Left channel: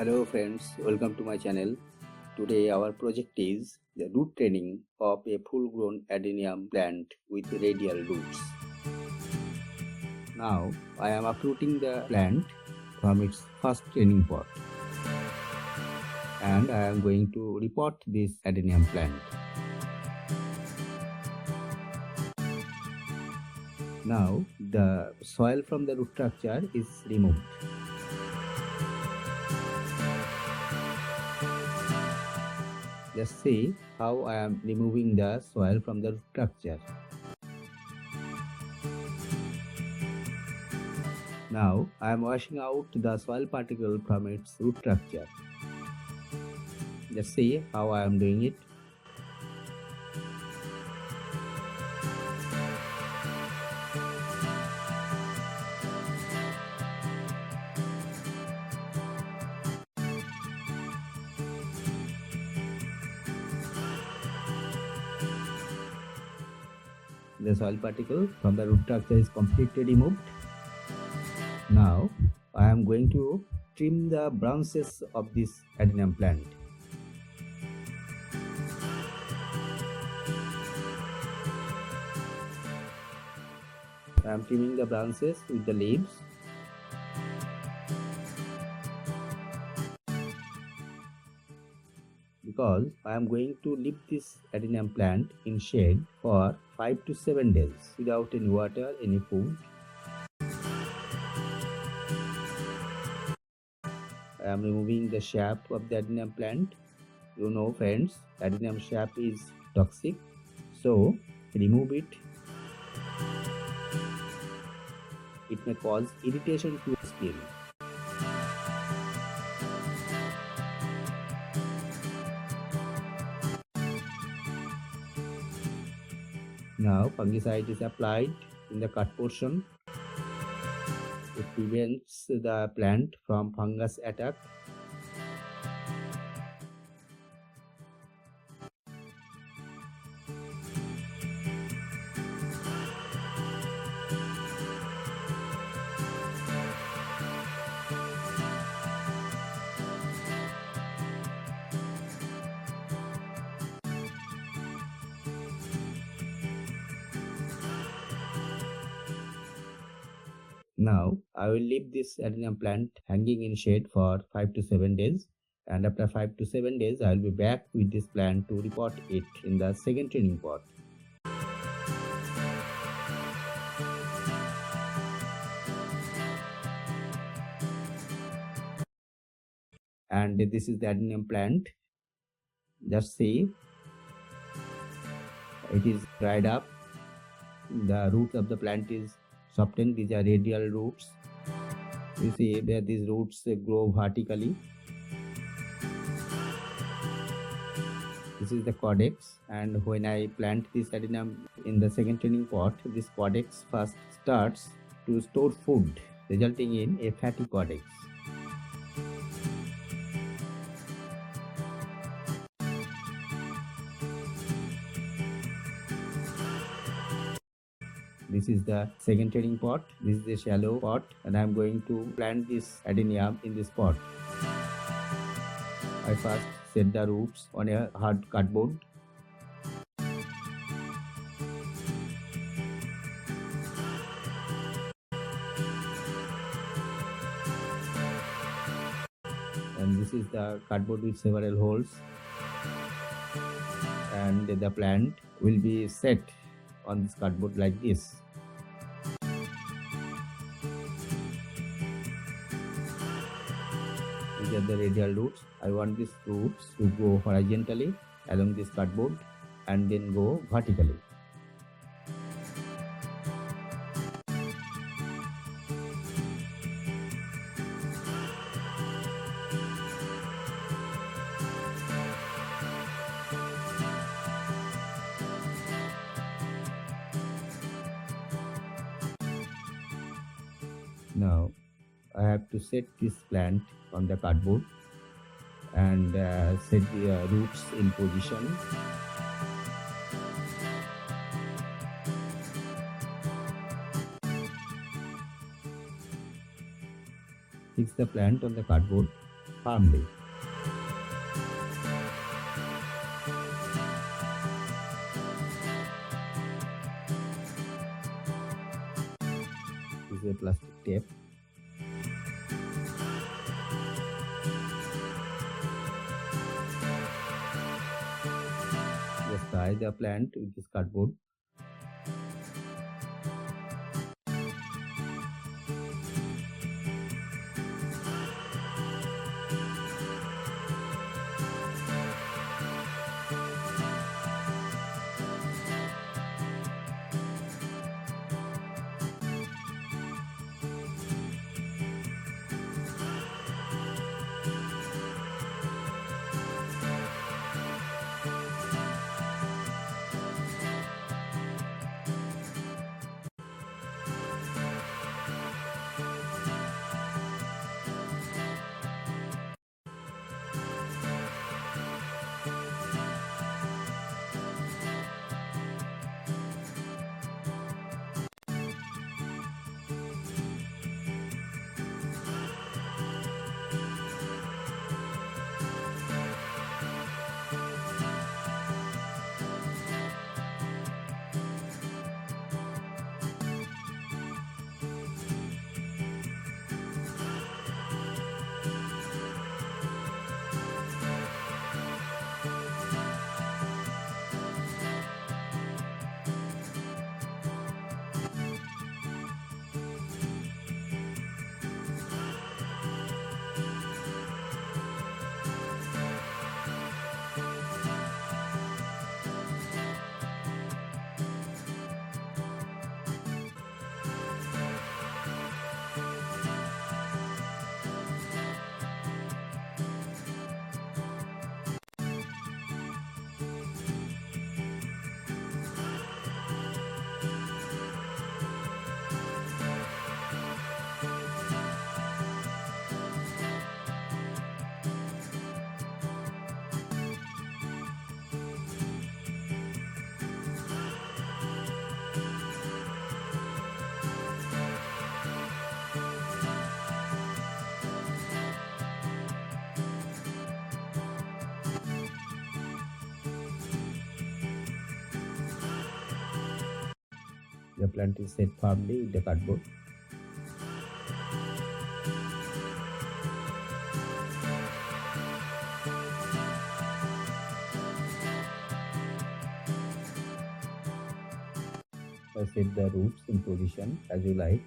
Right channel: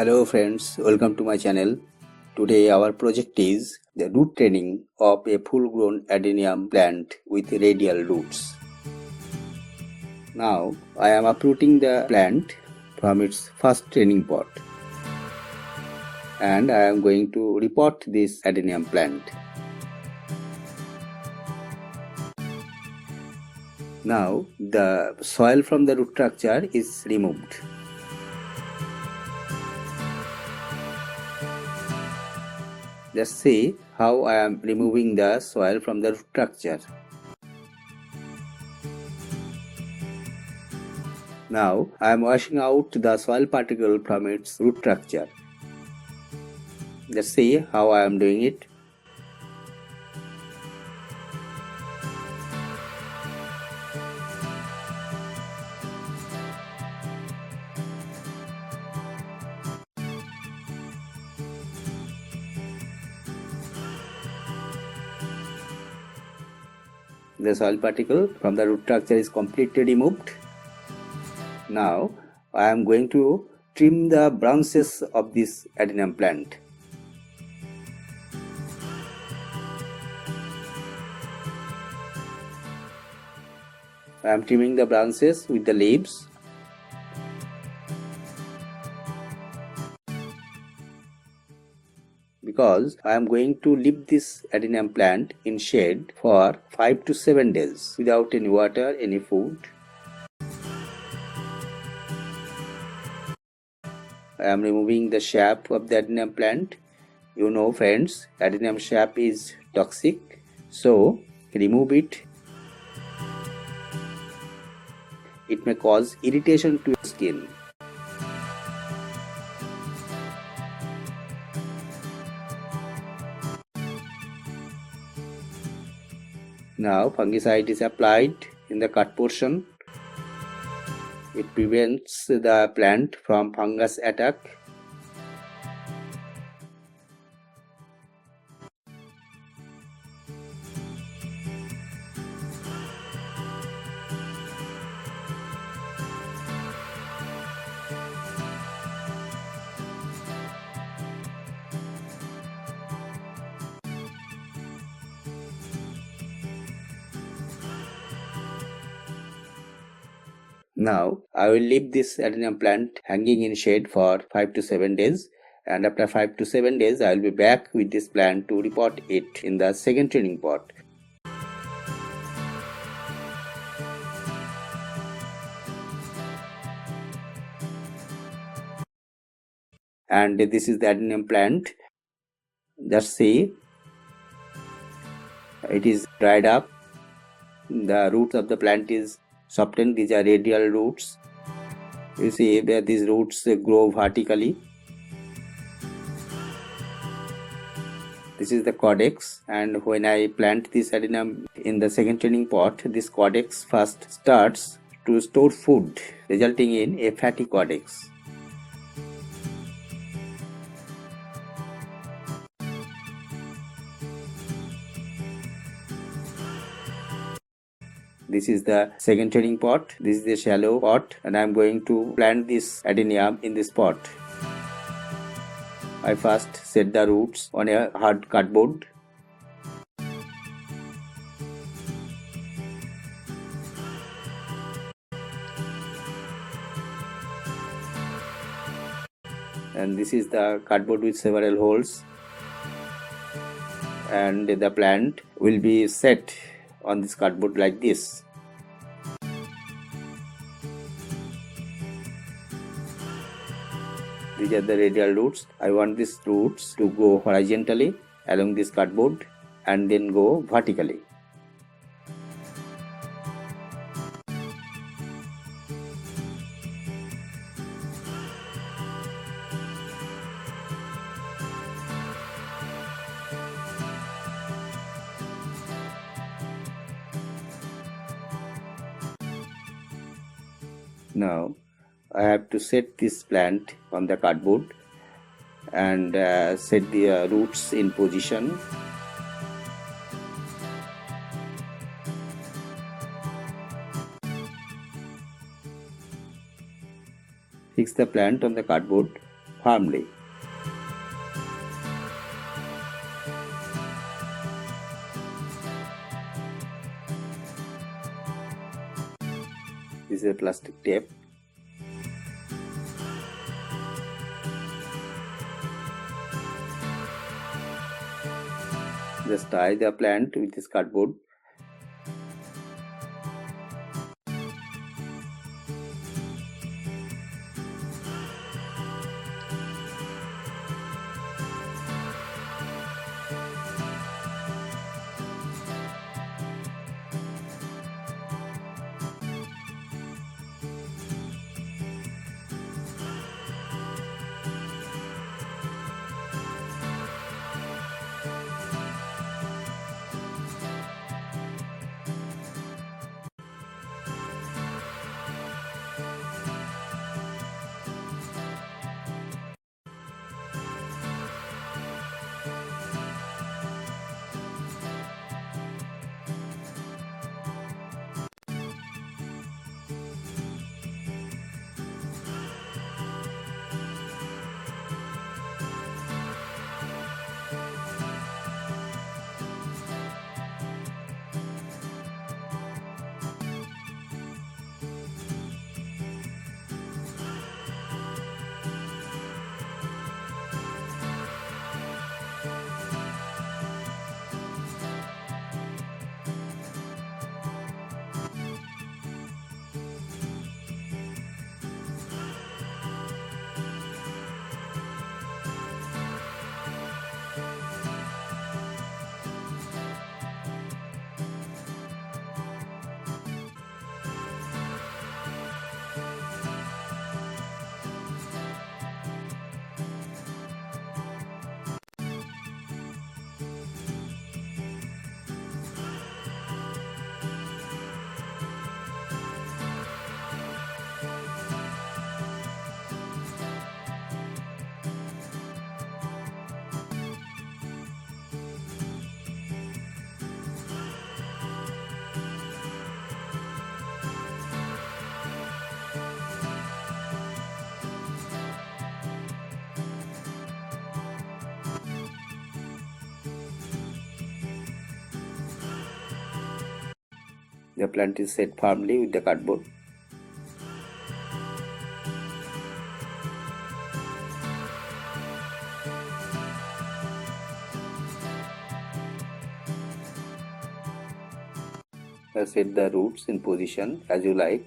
Hello friends, welcome to my channel. Today our project is the root training of a full-grown adenium plant with radial roots. Now I am uprooting the plant from its first training pot and I am going to repot this adenium plant. Now the soil from the root structure is removed. Just see how I am removing the soil from the root structure. Now I am washing out the soil particle from its root structure. Just see how I am doing it. The soil particle from the root structure is completely removed. Now I am going to trim the branches of this adenium plant. I am trimming the branches with the leaves. Because I am going to leave this adenium plant in shade for 5 to 7 days without any water, any food. I am removing the sap of the adenium plant. You know friends, adenium sap is toxic, so remove it. It may cause irritation to your skin. Now fungicide is applied in the cut portion. It prevents the plant from fungus attack. Now I will leave this adenium plant hanging in shade for 5 to 7 days, and after 5 to 7 days I will be back with this plant to repot it in the second training pot. And this is the adenium plant. Just see, it is dried up. The roots of the plant is softened. These are radial roots. You see that these roots grow vertically. This is the caudex, and when I plant this adenium in the second training pot, this caudex first starts to store food, resulting in a fatty caudex. This is the second training pot. This is the shallow pot, and I am going to plant this adenium in this pot. I first set the roots on a hard cardboard. And this is the cardboard with several holes. And the plant will be set on this cardboard like this. These are the radial roots. I want these roots to go horizontally along this cardboard and then go vertically. Now I have to set this plant on the cardboard and set the roots in position. Fix the plant on the cardboard firmly. This is a plastic tape. Just tie the plant with this cardboard. The plant is set firmly with the cardboard. Set the roots in position as you like.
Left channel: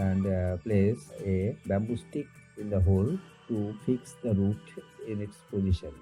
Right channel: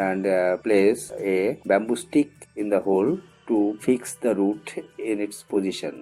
And place a bamboo stick in the hole to fix the root in its position.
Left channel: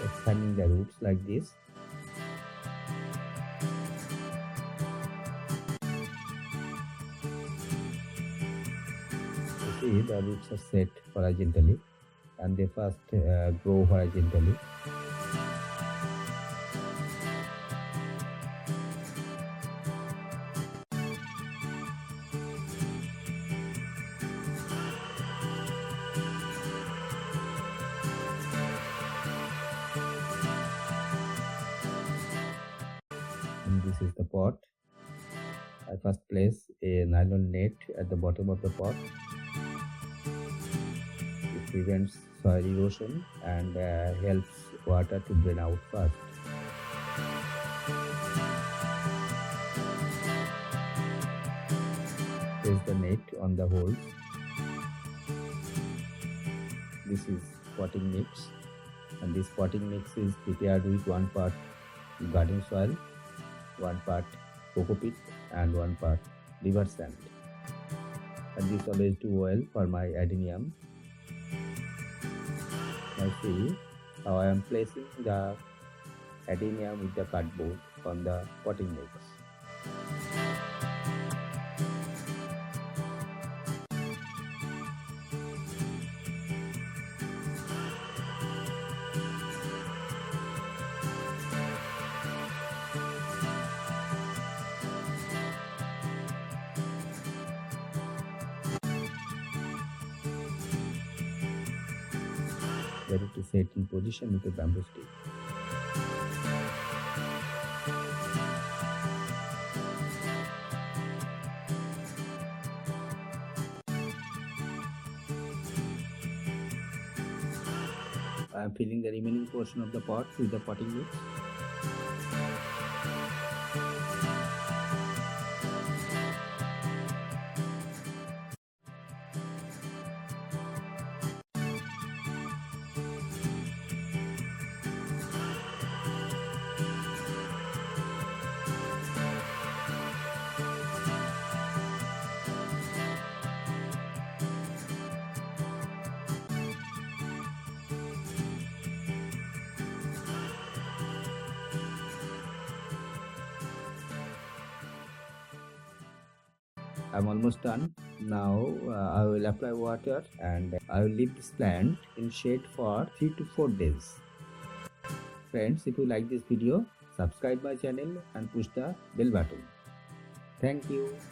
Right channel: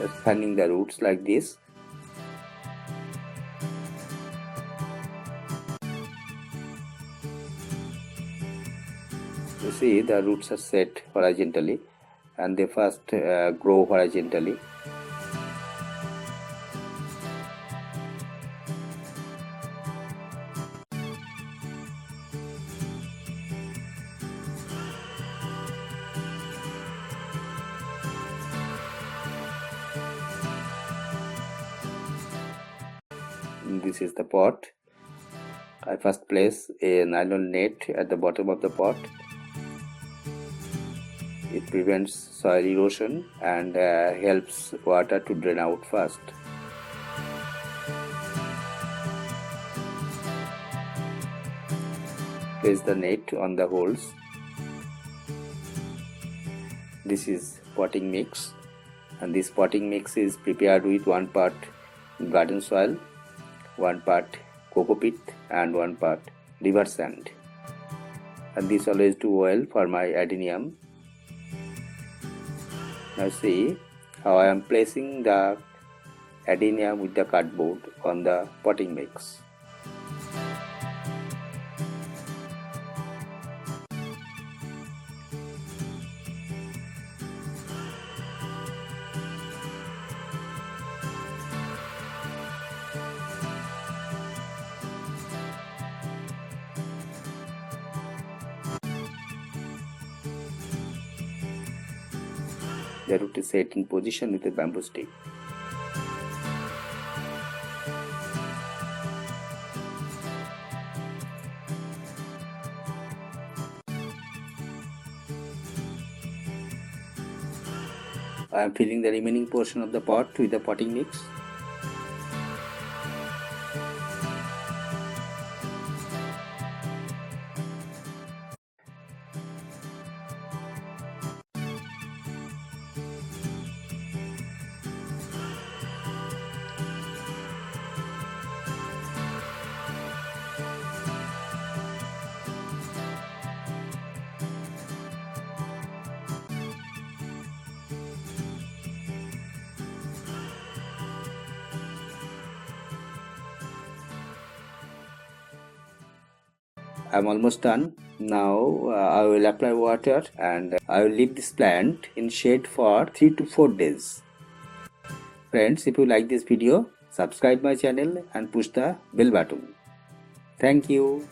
just fanning the roots like this. You see the roots are set horizontally and they first grow horizontally. This is the pot. I first place a nylon net at the bottom of the pot. It prevents soil erosion and helps water to drain out fast. Place the net on the holes. This is potting mix, and this potting mix is prepared with 1 part garden soil, 1 part coco peat and 1 part river sand. And this always do well for my adenium. Now see how I am placing the adenium with the cardboard on the potting mix. The root is set in position with a bamboo stick. I am filling the remaining portion of the pot with the potting mix. I'm almost done. Now I will apply water and I will leave this plant in shade for 3 to 4 days. Friends, if you like this video, subscribe my channel and push the bell button. Thank you.